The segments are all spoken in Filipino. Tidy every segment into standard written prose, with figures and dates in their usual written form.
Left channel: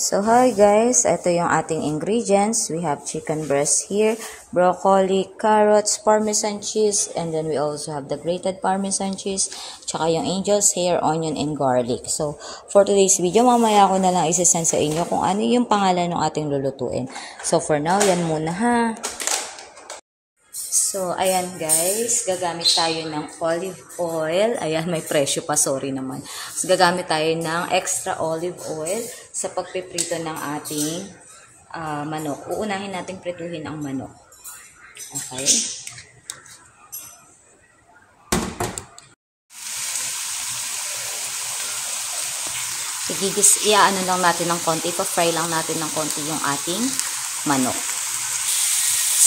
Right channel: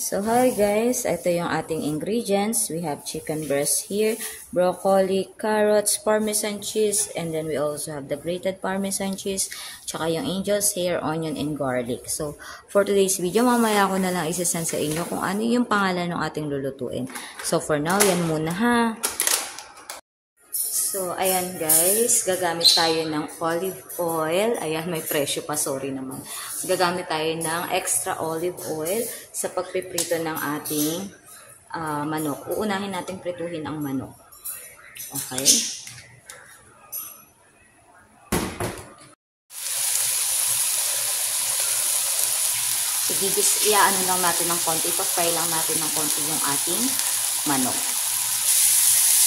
So, hi guys, ito yung ating ingredients. We have chicken breast here, broccoli, carrots, parmesan cheese, and then we also have the grated parmesan cheese, tsaka yung angel's hair, onion, and garlic. So, for today's video, mamaya ko na lang isasend sa inyo kung ano yung pangalan ng ating lulutuin. So, for now, yan muna ha. So, ayan guys, gagamit tayo ng olive oil. Ayan, may presyo pa, sorry naman. So, gagamit tayo ng extra olive oil sa pagpiprito ng ating manok. Uunahin natin prituhin ang manok. Okay? Iaano lang natin ng konti, pa-fry lang natin ng konti yung ating manok.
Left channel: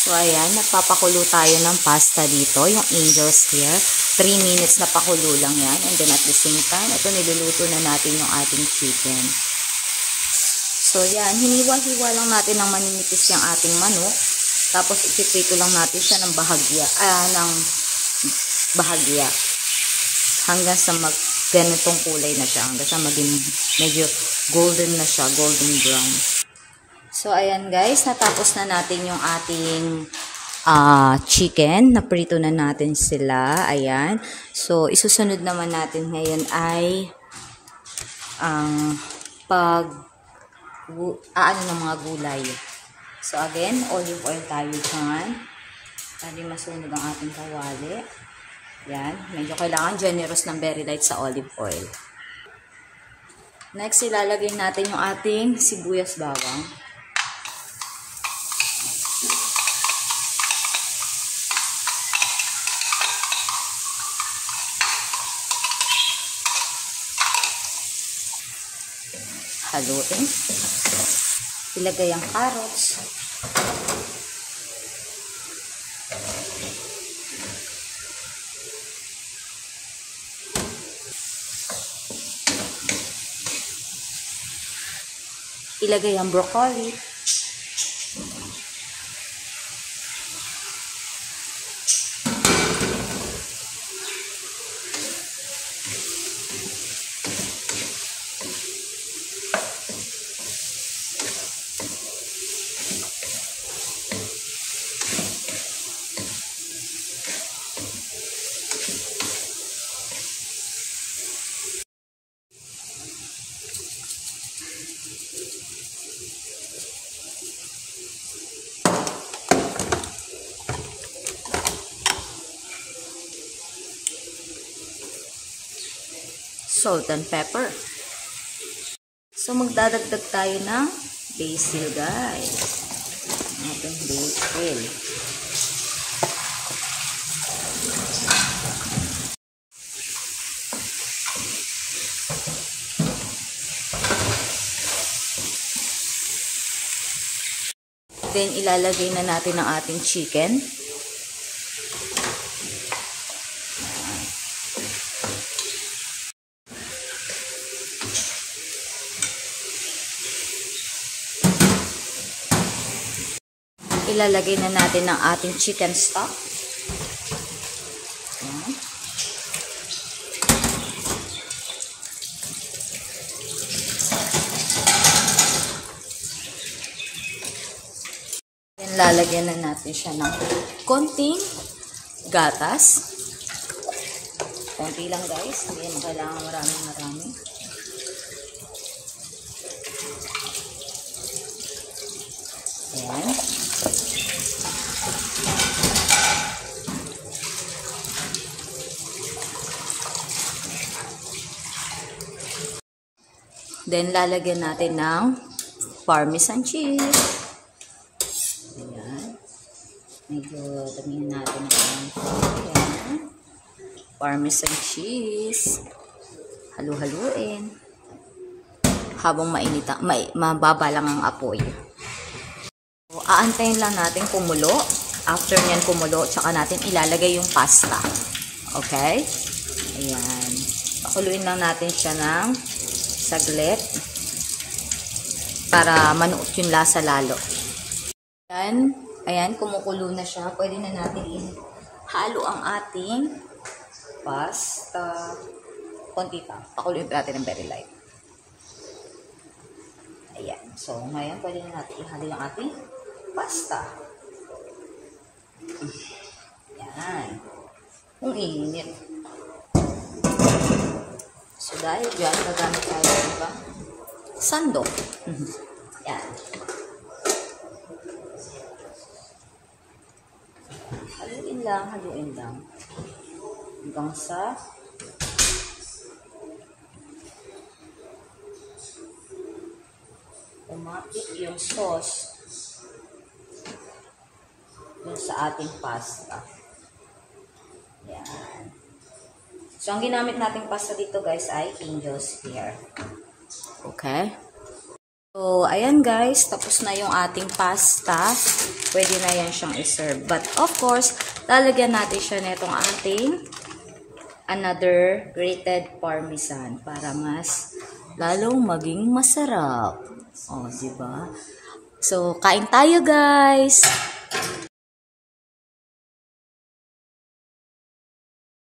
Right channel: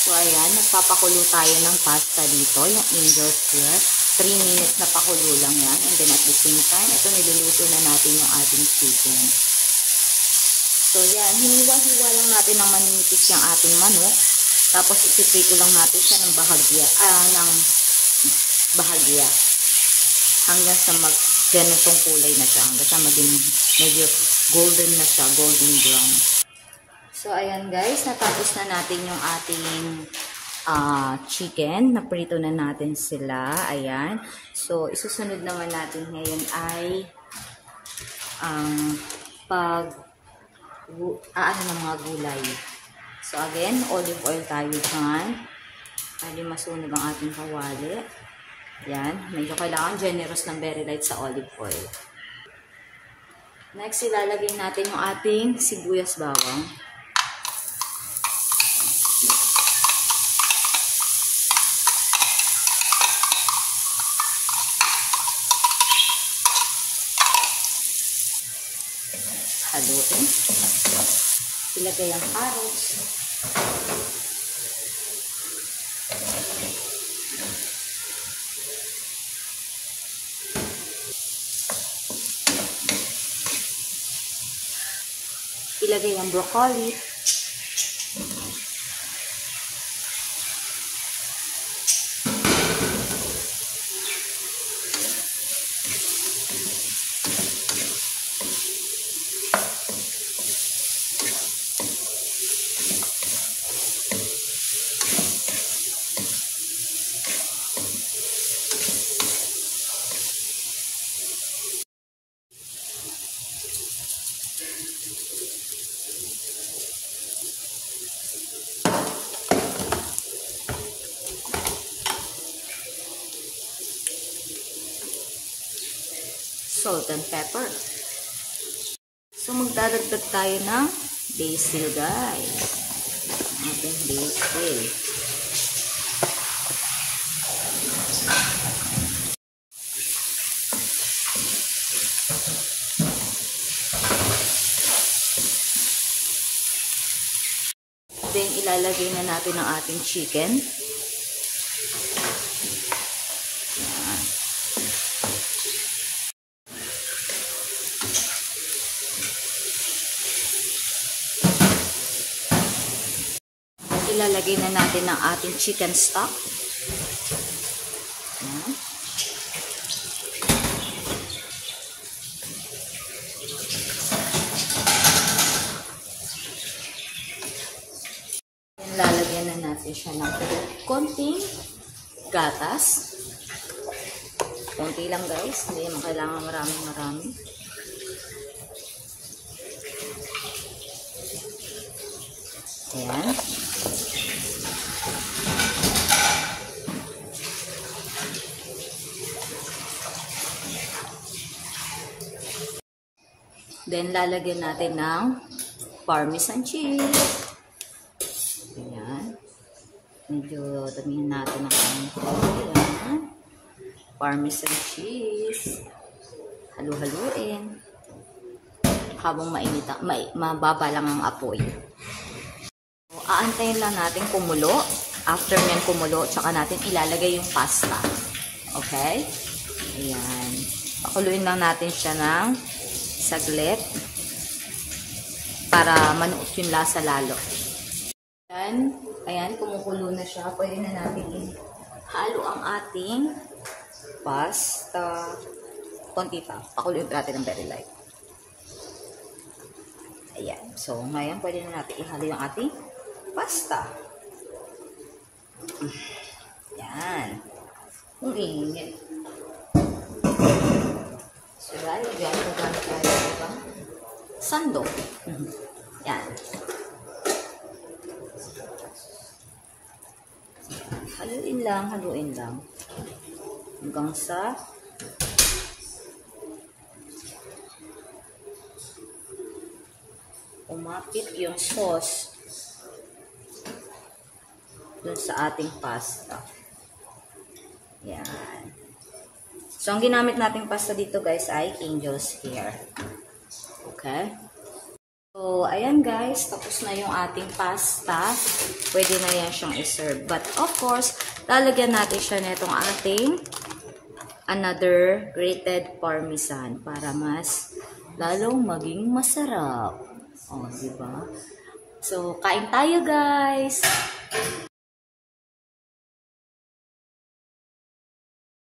So, ayan, nagpapakulo tayo ng pasta dito, yung angel's hair. 3 minutes na pakulo lang yan. And then at the same time, ito niluluto na natin yung ating chicken. So, yan, hiniwa-hiwa lang natin ng maninipis yung ating manok. Tapos, ipiprito lang natin siya ng bahagya. Hanggang sa ganitong kulay na siya. Hanggang sa maging medyo golden na siya, golden brown. So, ayan guys, natapos na natin yung ating chicken. Naprito na natin sila. Ayan. So, isusunod naman natin ngayon ay ang ano ng mga gulay. So, again, olive oil tayo dyan. Para masunog ang ating kawali. Ayan. Medyo kailangan generous ng very light sa olive oil. Next, ilalagay natin yung ating sibuyas bawang. Haluin. Ilagay ang carrots. Ilagay ang broccoli. Salt and pepper. So, magdadagdag tayo ng basil, guys. Ating basil. Then, ilalagay na natin ang ating chicken. Ilalagay na natin ang ating chicken stock. Ayan. Then, lalagyan na natin siya ng konting gatas. Konti lang guys. Hindi naman kailangan marami. Ayan. Then, lalagyan natin ng parmesan cheese. Ayan. Medyo damihan natin ng ayan. Parmesan cheese. Halu-haluin. Habang mababa lang ang apoy. So, aantayin lang natin kumulo. After nyan kumulo, tsaka natin ilalagay yung pasta. Okay? Ayan. Pakuluin lang natin siya ng saglit para manuot yung lasa lalo. Ayan, kumukulo na siya. Pwede na natin ihalo ang ating pasta. Konti pa. Pakuluin natin ng very light. Ayan. So, ngayon, pwede na natin ihalo yung ating pasta. Yan. Ang init. So, dahil dyan, gagamit tayo ng ba? Sandok. Yan. Haluin lang. Hanggang sa umapit yung sauce dun sa ating pasta. Yan. So, ang ginamit nating pasta dito guys ay Angel's Hair. Okay? So, ayan guys, tapos na yung ating pasta. Pwede na yan siyang iserve. But of course, lalagyan natin siya netong ating another grated parmesan para mas lalong maging masarap. O, diba? So, kain tayo guys!